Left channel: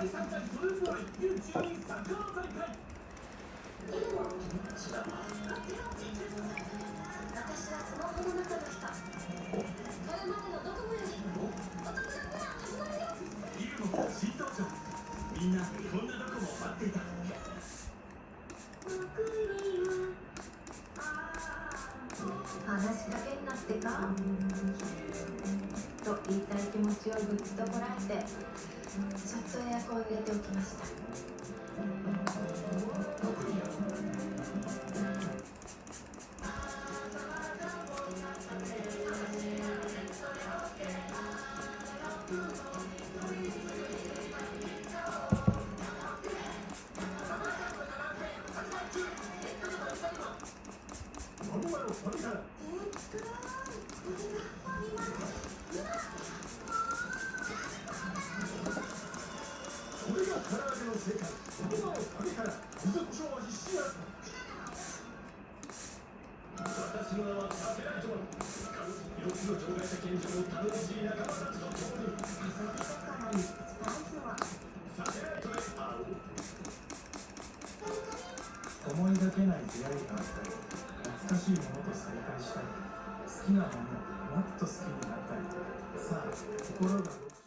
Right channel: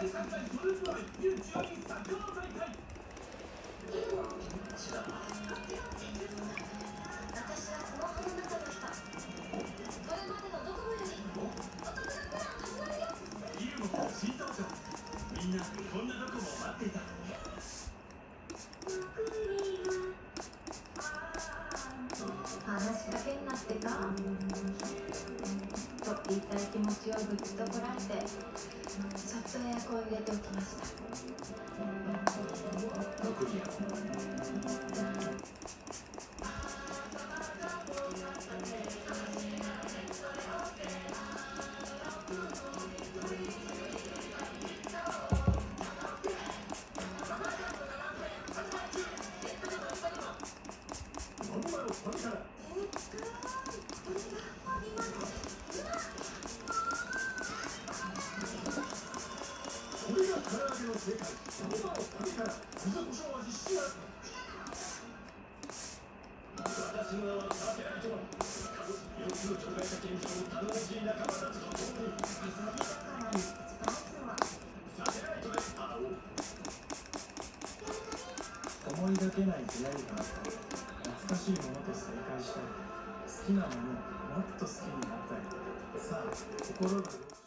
みんなこんなとこも待っていた。話だけになってかと言いたい気持ちをぐっとこらえて、ちょっとエアコンを入れておきました。これが唐揚げの正解。その名を神から柚子胡椒味シア私の名はサテライト。4つの障害者研究を頼もしい仲間たちのところにサテライトで会おう。思いがけない出会いがあったり、懐かしいものと再会したり、好きなものをもっと好きになったり、さあ心が動く。